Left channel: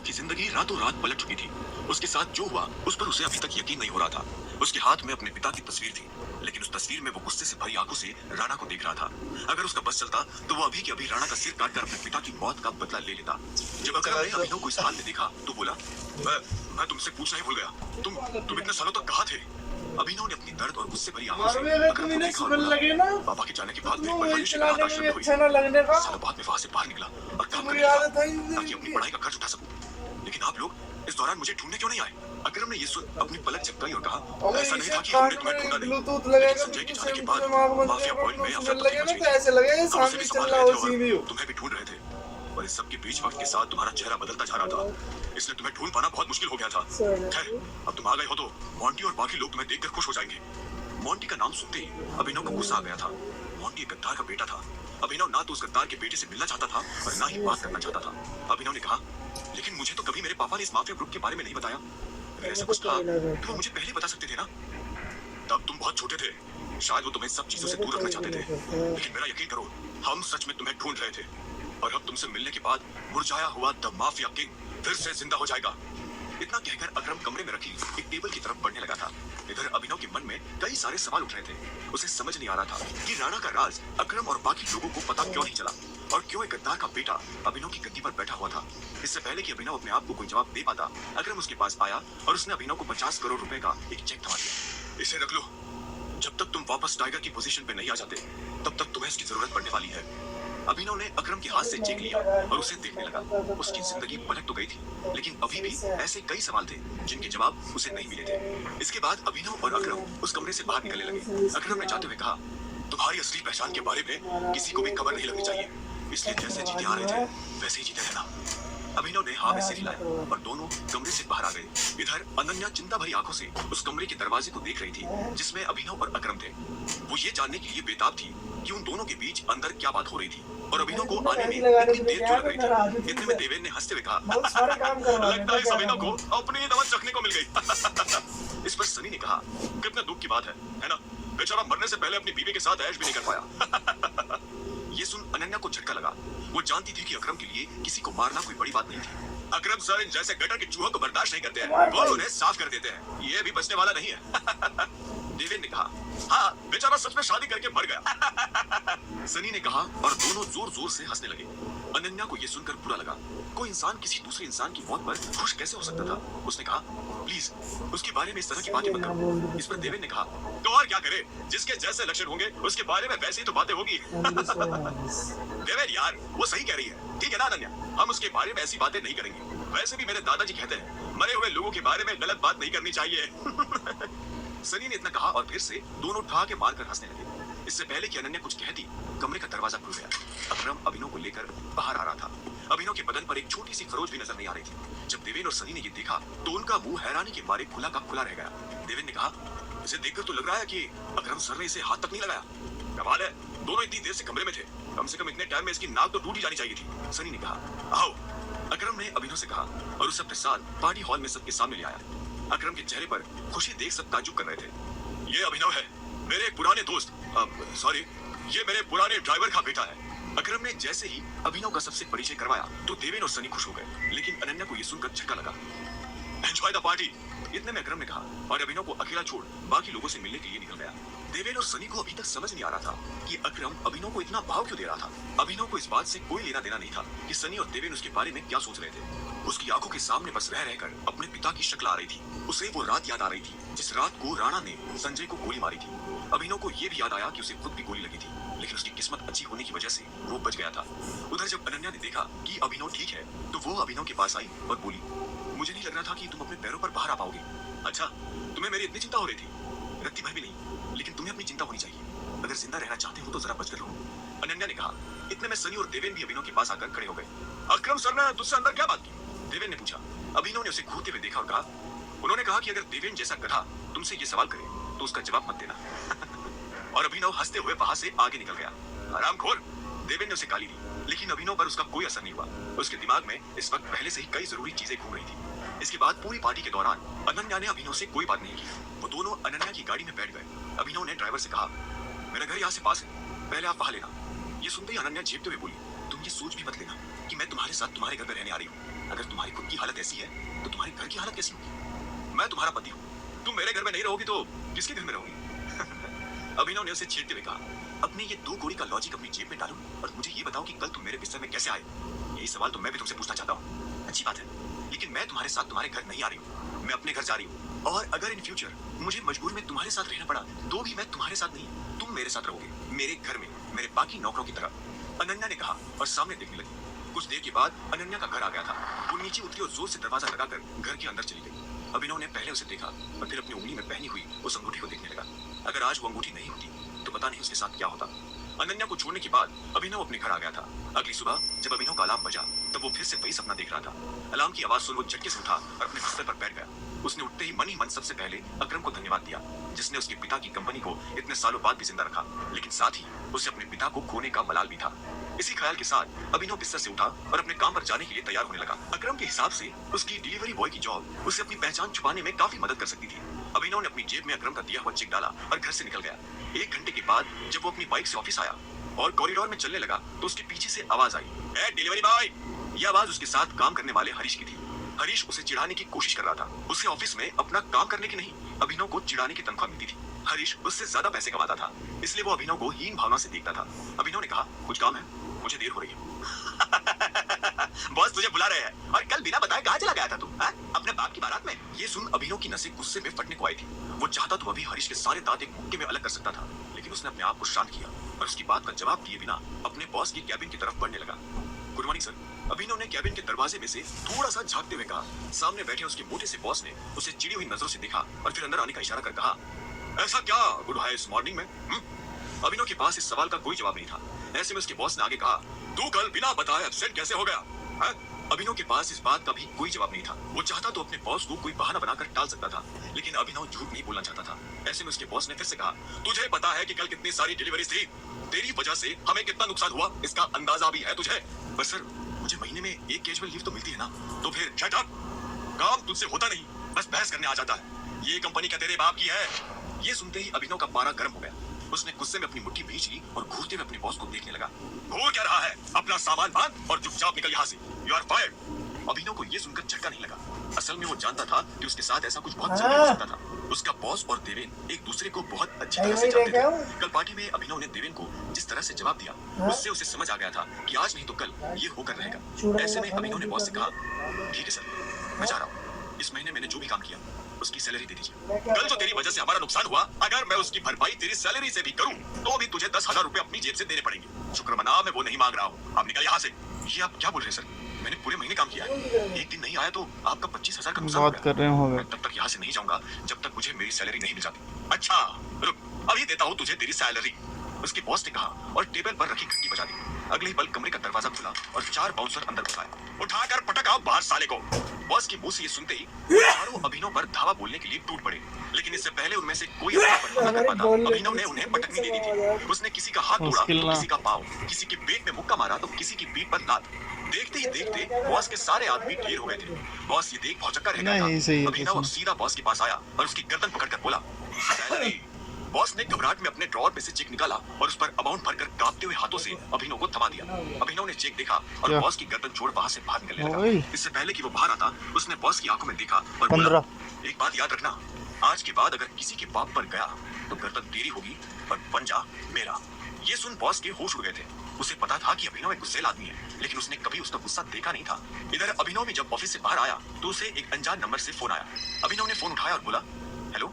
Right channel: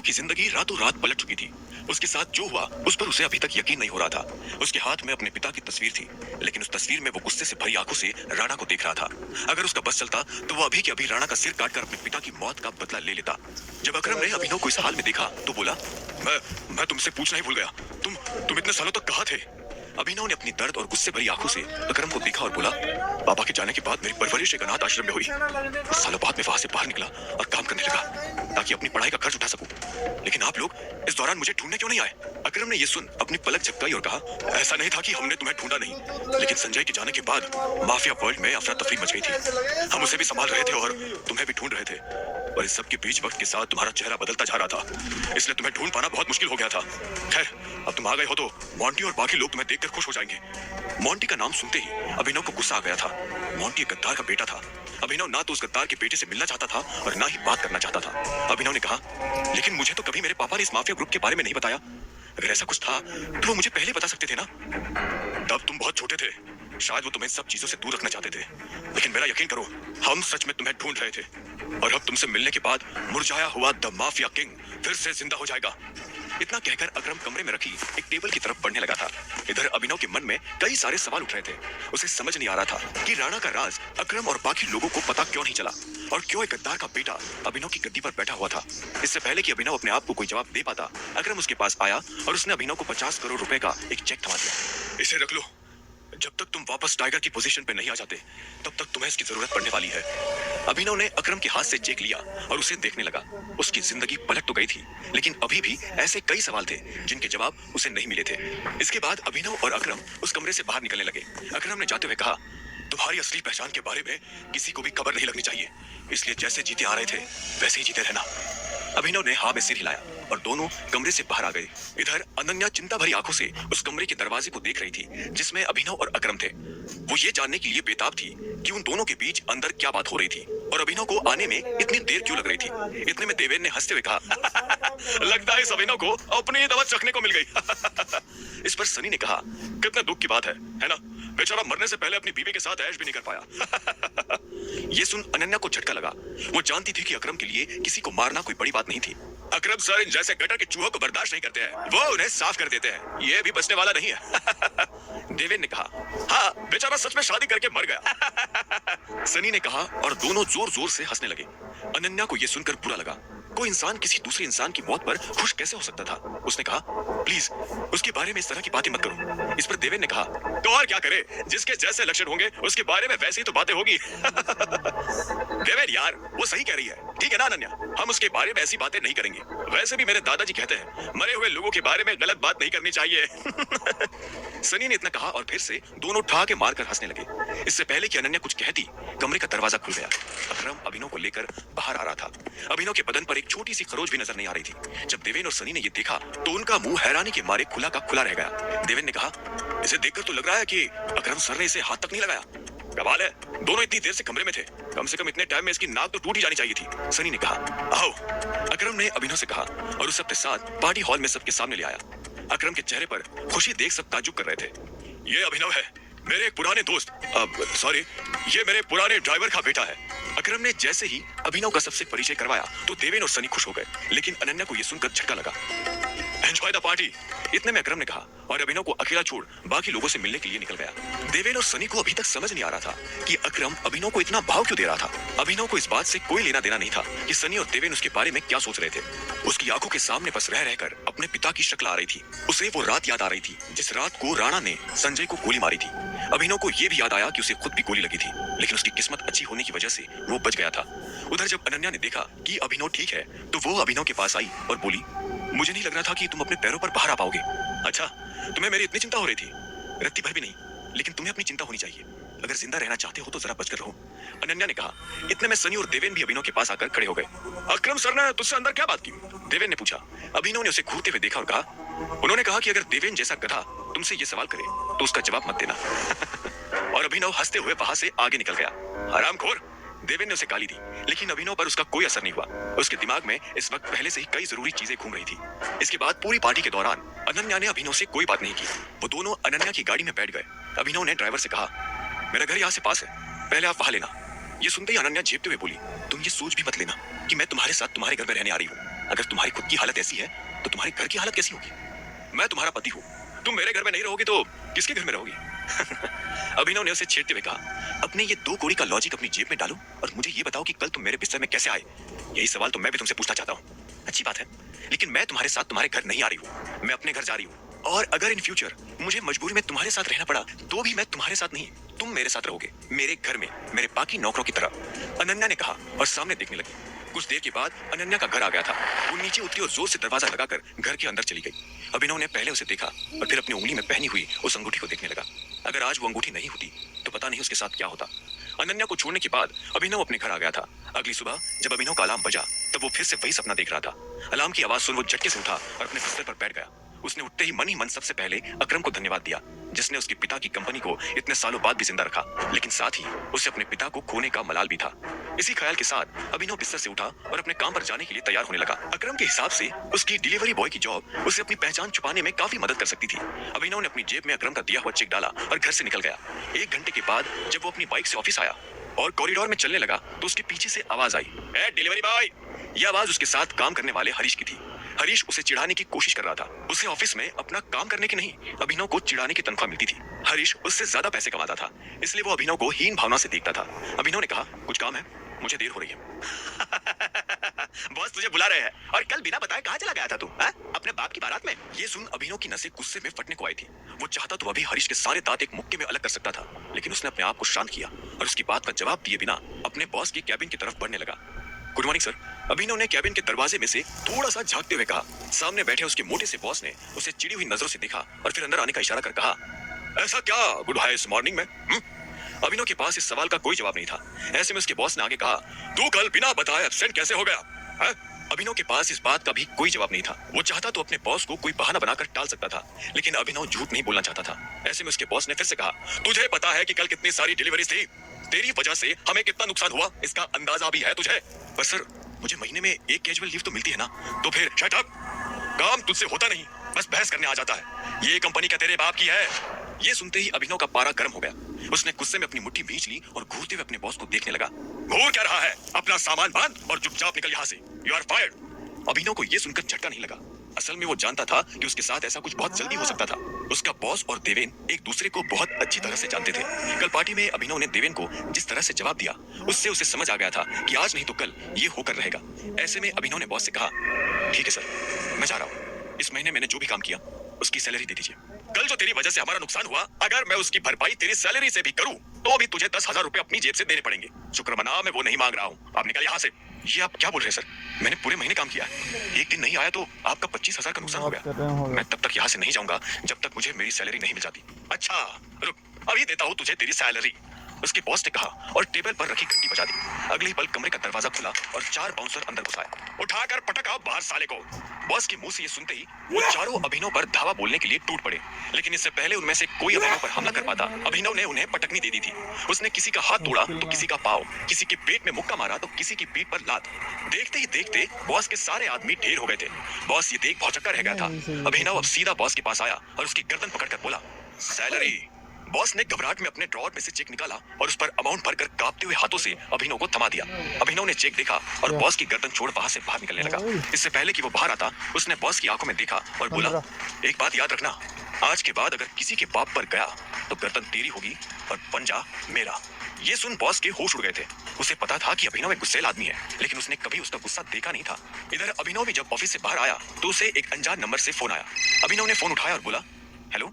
अभिनव की जिंदगी रातों रात पलट चुकी थी। उसके साथ जो हुआ उस पर उसे अभी तक यकीन नहीं हो रहा था। उसके हाथ में अपने पिता की तस्वीर थी, लेकिन उस तस्वीर में वो गुस्से से भरी आंखों से राणा को देख रहा था। अगर उसका बस चलता तो वो अभी के अभी राणा का सिर काटकर अपने पिता की मौत का बदला ले लेता। जब अकरम ने अभिनव को इस हाल में देखा तो बोला, मैं तुमसे पूछना ही भूल गया, तुम इतने सालों तक कहाँ थे? अभिनव ने अपनी दर्द और गुस्से भरी आंखों से अकरम को देखा और बोला, पापा के जाने के बाद मेरी परवरिश एक अनाथ आश्रम में हुई। सालों बाद मैं वहां से बाहर निकला और काम करने लगा ताकि अपनी पढ़ाई का खर्च उठा सकूं। लेकिन आप लोग इस दौरान मुझे ढूंढने क्यों नहीं आए? अकरम ने ये सुन अपनी पलक झपकाई और कहा, ऐसा नहीं था कि हमने तुम्हें ढूंढा नहीं, लेकिन संजय के जाने के बाद माफिया वर्ल्ड में अफरा तफरी मच गई थी। हम उसे भी संभाल रहे थे और तुम्हें भी ढूंढ रहे थे, और इस सब के बीच वक्त के साथ तुम्हारा चेहरा बदलता जा रहा था, इसलिए तुम्हें ढूंढ पाना बहुत मुश्किल हो गया था। खैर, अब तुम आ गए हो तो मोंटी और बाकी लोग तुम्हें देखकर खुश हो जाएंगे। मोंटी का नाम सुनते ही अभिनव को गुस्सा आ गया था। मोंटी एक गद्दार का बेटा था। अभिनव ना तो उस गद्दार के बेटे से मिलना चाहता था और ना ही बात करना चाहता था। अभिनव ने कहा, लेकिन मुझे तो कभी मेरे पापा ने इस माफिया ग्रुप के बारे में नहीं बताया। अगर ऐसा कुछ था तो वो मुझे पहले बता सकते थे ना। तब तुम बहुत छोटे थे, शायद वो तुम्हें सब चीजों से दूर रखना चाहते थे, लेकिन मेरा यकीन करो, हम सच में तुम्हें ढूंढ रहे थे, और अब तुमसे मिलने के बाद मुरझाया हुआ द माफिया किंग फिर से जिंदा हो जाएगा। इतना कहकर अकरम कमरे में रखी एक टेबल की तरफ बढ़ने लगा था। इधर अभिनव के मन में कई सारे सवाल उठ रहे थे। उसे समझ नहीं आ रहा था कि राणा का राज अकरम और बाकी लोगों को पता क्यों नहीं चला, और क्यों एक गद्दार का बेटा अभिनव की गद्दी पर बैठा हुआ था। इससे पहले कि अभिनव अपने आप को कोई जवाब दे पाता, अकरम उसके पास आया और उसने अभिनव को 50 करोड़ रुपए का एक चेक थमा दिया। इसे रख लो, जब तक तुम वापस टाइगर की पोजीशन पे नहीं आ जाते तब तक तुम्हें इसकी जरूरत पड़ने वाली है। अभिनव ने अकरम के हाथ से चेक लिया और उसे देखने लगा। उसकी जिंदगी पलट तो गई थी, लेकिन अभी भी ऐसे कई सवाल थे जिनके जवाब उसे नहीं मिले थे। इसके बाद अभिनव और अकरम उस कमरे से बाहर निकलने लगे। अकरम ने जाते हुए कहा, तुम्हारी असली पहचान के बारे में किसी को भी खबर नहीं लगनी चाहिए, इसलिए जैसे जीते आ रहे थे वैसे ही जीते रहना। अभिनव ने हाँ में सिर हिलाया और दोनों कमरे से बाहर आ गए। इधर अनन्या चिंता भरी आंखों से उस कमरे के दरवाजे को देख रही थी जिसमें अभिनव और अकरम थे। वो ये जानने के लिए बेताब थी कि उन दोनों के बीच अंदर क्या बात हो रही थी और अभिनव को आने में इतनी देर क्यों लग रही थी। इतने में देवेन ने हंसते हुए कहा, लगता है इस अभिनव को अपनी दवा चखने को मिल गई। इस पर सनी ने कहा, कितने दुख की बात है ना? बेचारा मरने से पहले अपनी बीवी के साथ ऐश भी नहीं कर पाया। ये सुन अनन्या को झटका लगा। वो जानती थी कि अकरम के लिए किसी को मारना कोई बड़ी बात नहीं थी। अकरम सर इन जैसे गटर के चूहों को बर्दाश्त नहीं करते हैं, वो उन्हें साफ कर देते हैं। ये भी बचने वाला नहीं है। देवेन ने कहा, हाँ बेचारा सच में शादी करके मर गया। सनी ने कहा और दोनों जोर जोर से हंसने लगे। अनन्या को यह सुनकर बुरा लगा। कोई इंसान किसी दूसरे इंसान की मौत पर खुश कैसे हो सकता था? उसने कहा, प्लीज उसके बारे में इस तरह की बातें मत करो। इस पर देवेन ने कहा, तो और क्या करे, जिसके जैसे लक्षण होंगे उसके बारे में वैसे ही तो बातें होगी। देवेन यार वो सही कह रही है, ठीक है ना अनन्या, हम उसके बारे में ऐसी बातें नहीं करेंगे। वैसे भी मेरे दादाजी कहते हैं मरे हुए लोगों के बारे में गलत बात नहीं करनी चाहिए। सनी ने इतना कहा और फिर से दोनों ठहाके मारकर हंसने लगे। इससे पहले कि अनन्या कुछ कहती, कमरे का दरवाजा खुल गया। अकरम अभिनव को लेकर बाहर आ रहा था। अभिनव के बदन पर एक छोटी सी खरोच भी नजर नहीं आ रही थी। जब देवेन और सनी ने ये देखा तो उनका मुंह हैरानी के मारे खुला का खुला रह गया। देवेन ने कहा, इसे देखकर तो लग रहा है कि अकरम सर ने इसे हाथ तक नहीं लगाया। कमाल है, दोनों इतनी देर से कमरे में थे, कम से कम इतने टाइम में इसकी नाक तो टूट ही जानी चाहिए थी। सनी ने कहा, आओ। अकरम ने अभिनव से कहा और उस सबके साथ पार्टी हॉल में सबके सामने ले आया। अकरम के चेहरे पर खुशी देख सब ताज्जुब कर रहे थे। ये अभिनव है, मेरे एक पुराने दोस्त, सॉरी ये मेरे पुराने ड्राइवर का बेटा है। अकरम ने जैसे ही अभिनव का सबसे परिचय करवाया तो देवेन और सनी खुश हो गए, लेकिन अनन्या को यह सुनकर झटका लगा। एंजॉय द पार्टी, इतने में अकरम ने कहा और अभिनव को अकेला छोड़ बाकी लोगों से मिलने के लिए निकल गया। देवेन और सनी को अभी तक समझ नहीं आ रहा था कि अकरम अभिनव को इतना भाव क्यों दे रहा था। अभिनव को इस बात से कोई लेना देना नहीं था कि सनी और देवेन उसके बारे में क्या सोच रहे थे। उसकी आंखों के सामने बस रह रहकर अपने पिता की शक्ल आ रही थी। उसे वो रात याद आ रही थी जिस रात को राणा ने संजय को गोली मारी थी। अभिनव को यह भी याद आया कि उसे खुद भी गोली लगी थी, लेकिन उसकी किस्मत अच्छी होने की वजह से वो बच गया था। उधर जब अनन्या ने देखा कि अभिनव ठीक है तो वो अभिनव के पास आई और बोली, मुझे नहीं लग रहा था कि तुम अपने पैरों पर बाहर आ पाओगे। अच्छा, तुम्हें मेरी इतनी चिंता हो रही थी? रत्ती भर भी नहीं, लेकिन तुम्हें अपनी चिंता होनी चाहिए। अगर जिंदा रहना चाहते हो तो जरा बचकर रहो, अनन्या ने कहा। इतने में सनी और देवेन भी अभिनव के पास आकर खड़े हो गए। अकरम सर ने तुझसे अंदर क्या बात की? देवेन ने पूछा। अभिनव ने उसे घूरते हुए देखा और कहा, उन्होंने कहा कि अगर देवेन जैसा गधा तुमसे ये सवाल करे तो उसका जवाब मत देना। और अभिनव हंसते हुए वहां से आगे निकल गया। हरामखोर, देवेन ने उसे गाली दी, लेकिन अभिनव पर उसका कोई असर नहीं हुआ। उसके दिमाग में इस वक्त पहले से ही कई जरूरी चीजें घूम रही थी। इसके बाद पूरी पार्टी के दौरान अनन्या ने अभिनव से कोई बात नहीं की। वो दोनों अनन्या की गाड़ी में बैठ गए। अभिनव ने ड्राइवर से कहा, मेरा घर यहाँ से पास है, पहले आप वहां लेना। ये सुनते ही अनन्या झेपते हुए बोली, तुम ये सोच भी मत लेना कि मैं तुम्हारे साथ तुम्हारे घर में रहने आ रही हूँ। अगर तुम्हारी खुद की हालत ऐसी है तो तुम्हारे घर की हालत कैसी होगी? मैं तुम्हारा पति हूँ, तुम मेरे घर में नहीं रहोगी तो किसके घर में रहोगी? अभिनव ने उसे छेड़ते हुए कहा, अपने ये 2 कौड़ी का लॉजिक अपनी जेब में डालो और मुझे ये बताओ कि कल तुम मेरे बिस्तर में कैसे आए? यही सवाल तो मैं भी तुमसे पूछना चाहता हूँ। अच्छी बात है, लेकिन मैं तुम्हारे साथ तुम्हारे घर नहीं आ रही हूँ, मैं अपने घर जा रही हूँ। और अगर इन फ्यूचर मुझे मजबूरी में तुम्हारे साथ रहना पड़ा तो भी मैं तुम्हारे साथ नहीं, तुम मेरे साथ रहोगे, मेरे घर में, मेरे बाकी नौकरों की तरह, अनन्या ने कहा और सामने देखने लगी। कुछ देर के बाद अनन्या का घर आ गया था। वो नीचे उतरी और जोर से दरवाजा लगाकर घर के अंदर चली गई। अभिनव ने पहले उसे देखा और फिर अपनी उंगली में पहनी हुई उस अंगूठी को देखने लगा। अगर आज वो अंगूठी नहीं होती तो पता नहीं उसके साथ क्या होता। अनन्या को छोड़ने के बाद अभिनव अपने घर आ गया था। अगली सुबह जब अभिनव का अलार्म बजा तब वो फिर से वही सपना देख रहा था। अलार्म की आवाज सुन वो झटके से उठा और अपने बिस्तर पर बैठ गया। उसने उठते ही मन ही मन सबसे पहले अकरम को धन्यवाद दिया, जिसने उसके पिता की कंपनी को इतने सालों बाद भी जिंदा रखा, लेकिन साथ ही उसे अपने पिता को खोने का मलाल भी था। इसी ख्याल के साथ अभिनव बिस्तर से उठा और अपने काम पर जाने के लिए तैयार होने लगा। अकरम के हिसाब से उसकी डिलीवरी बॉय की जॉब उसे अपनी पहचान छुपाने में काफी मदद कर सकती थी। अभिनव ने अपनी जेब में अकरम का दिया हुआ चेक डाला और घर से निकल गया। 1 घंटे के बाद जब वो अपनी बाइक से ऑफिस आया और कॉरिडोर में चलने लगा तो उसके पीछे से आवाज आई, ए डिलीवरी बॉय। यह आवाज उसके साथ काम करने वाले हरीश की थी। हरीश उसे चिढ़ाने की कोशिश कर रहा था। उसे ऑफिस में अपना काम करने की नहीं, अभिनव को चिढ़ाने की तनख्वाह मिलती थी। हरीश उससे ज्यादा पैसे कमाता था, इसलिए वो अभिनव को हीन भावना से देखता था। अभिनव ने कहा, कुछ काम है, मुझे देर हो रही है। बॉस तुझे बुला रहे हैं। और कल बिना बताए कहाँ चला गया था तू, अपने बाप की बारात में? ये सुन अभिनव की नसें गुस्से में फटने को आई थी। वो चाहता तो अभी हरीश के सारे दांत एक मुक्के में अलग कर सकता था, लेकिन उसने अपने आप को शांत किया और उसकी बात का जवाब दिए बिना अपने बॉस की कैबिन की तरफ बढ़ने लगा। Good morning sir. अभिनव ने कैबिन के दरवाजे में से थोड़ा सा झांकते हुए कहा। सामने बैठे उसके मोटे से बॉस ने उसे चिड़ी हुई नजरों से देखा और फिर अंदर आने का इशारा कर कहा, ऐसा क्या गुड है इस मॉर्निंग में? अभिनव के पास इस सवाल का कोई जवाब नहीं था। ऐसे में उसके बॉस ने आगे कहा, तू कल बिना बताए एब्सेंट कैसे हो गया? अभिनव के पास इस बात का भी कोई जवाब नहीं था। वो चाहता तो अपने बॉस को कोई बहाना बनाकर टाल सकता था, लेकिन अभिनव झूठ नहीं बोलना चाहता था। ऐसे में उसके बॉस ने फिर से कहा, तुझे पता है कि कल कितनी सारी डिलीवरीज थी? तेरी वजह से हमें कितना नुकसान हुआ इसका अंदाजा भी है तुझे? बस सर, मुझे महीने में 1 कैजुअल लीव तो मिलती है ना। तो फिर शट अप, काम तुझसे होता नहीं, बस बहस करने आ जाता है। ये कंपनी क्या तेरे बाप की है? ये सुनते ही अभिनव का पारा गर्म हो गया। उसने गुस्से में अपनी मुट्ठी भींच ली और घूरते हुए अपने बॉस को देखने लगा। घूर क्या रहा है? अपना सामान बांध और चुपचाप निकल यहाँ से। You are fired. अभिनव को ये सुनकर झटका नहीं लगा। असल में वो जानता था कि उसके साथ ऐसा कुछ बहुत जल्दी हो सकता था। उसका बॉस और देवेन एक दूसरे को बहुत अच्छी तरह से जानते थे। कल पार्टी में अभिनव ने देवेन को जिस तरह से जवाब दिया, उससे उसे समझ आ गया था कि आज नहीं तो कल ये होकर रहेगा। ऐसे में अभिनव ने बॉस से कहा, ठीक है सर, मैं जा रहा हूँ। इस महीने मैंने जो भी काम किया उसकी सैलरी दे दीजिए। कल जो तेरी वजह से हमारा नुकसान हुआ, अगर मैं उसकी भरपाई तेरी सैलरी से भी करूं तो भी तुझे 10,000 रुपए अपनी जेब से देने पड़ेंगे। शुक्र मना, मैं वो नहीं मांग रहा हूँ। अब निकल यहाँ से। ये आप क्या बोल रहे हैं सर? मैंने पूरे महीने काम किया, एक दिन नहीं आया तो आपका 25,000 का नुकसान हो गया। मैं तब तक यहाँ से नहीं जाऊंगा जब तक मुझे मेरी सैलरी नहीं मिल जाती। अच्छा रुक, अभी देता हूँ तुझे तेरी सैलरी, उसके बॉस ने कहा और टेबल पर रखी घंटी बजा दी। अगले ही पल कमरे का दरवाजा खुला और 4 बाउंसर अंदर घुस आए। उठाकर पटक आओ बाहर साले को। बॉस की मुंह से ये सुनते ही वो चारों अभिनव पर धावा बोलने के लिए टूट पड़े, लेकिन इससे पहले उनमें से कोई अभिनव पर हमला कर पाता। अभिनव ने उन्हें पटकनी दे दी थी। उसने किसी का हाथ तोड़ा तो किसी का पाँव, किसी के पेट में मुक्का मारा तो किसी की पीठ पर लात। देखते ही देखते बॉस के सारे आदमी ढेर हो गए थे। बॉस ये देख भौचक्का रह गया था। अभिनव अब सीधा बॉस के पास आया और उसकी गर्दन पकड़कर बोला, सैलरी। बॉस ने घबराहट में अपने ड्रॉर में से चेक निकाला और उस पर अमाउंट भरकर कांपते हुए हाथों से अभिनव को थमा दिया। अभिनव ने चेक देखा और बॉस की गर्दन छोड़ वहां से बाहर निकलने लगा। इससे पहले कि वो बाहर आता, उसने बॉस की आंखों में देखा और बोला, एक बात याद रखना, आज के बाद अगर किसी के बाप पर गया तो गर्दन तेरी होगी और पंजा मेरा। ये सुन बॉस के होश उड़ गए थे। उसे पता था कि अभिनव एक गुस्सैल आदमी है, लेकिन उसने कभी उसका गुस्सा देखा नहीं था। इधर अभिनव भी जब ऑफिस से बाहर आया तो उसे एक अनजान नंबर से फोन आया। अभिनव ने फोन उठाया और बोला, हेलो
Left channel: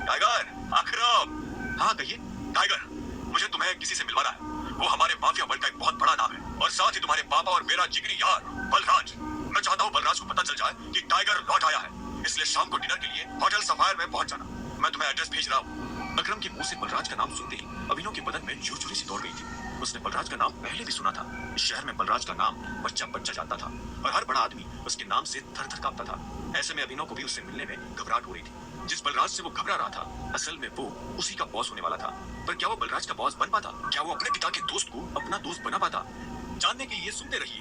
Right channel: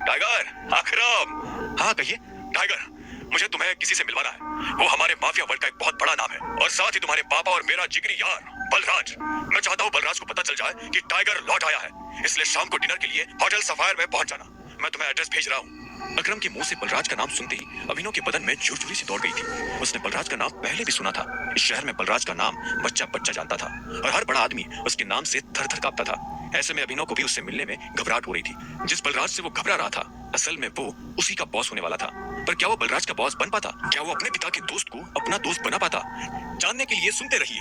टाइगर, अकरम। हाँ कहिए। टाइगर, मुझे तुम्हें किसी से मिलवाना है। वो हमारे माफिया वर्ग का एक बहुत बड़ा नाम है और साथ ही तुम्हारे पापा और मेरा जिगरी यार बलराज। मैं चाहता हूँ बलराज को पता चल जाए कि टाइगर लौट आया है, इसलिए शाम को डिनर के लिए होटल सफायर में पहुंच जाना। मैं तुम्हें एड्रेस भेज रहा हूँ। अकरम के मुंह से बलराज का नाम सुनते ही अभिनव के बदन में झुरझुरी सी दौड़ गई थी। उसने बलराज का नाम पहले भी सुना था। इस शहर में बलराज का नाम बच्चा बच्चा जानता था और हर बड़ा आदमी उसके नाम से थर थर कांपता था। ऐसे में अभिनव को भी उससे मिलने में घबराहट हो रही थी। जिस बलराज से वो घबरा रहा था, असल में वो उसी का बॉस होने वाला था। पर क्या वो बलराज का बॉस बन पाता? क्या वो अपने पिता के दोस्त को अपना दोस्त बना पाता? जानने के लिए सुनते रहिए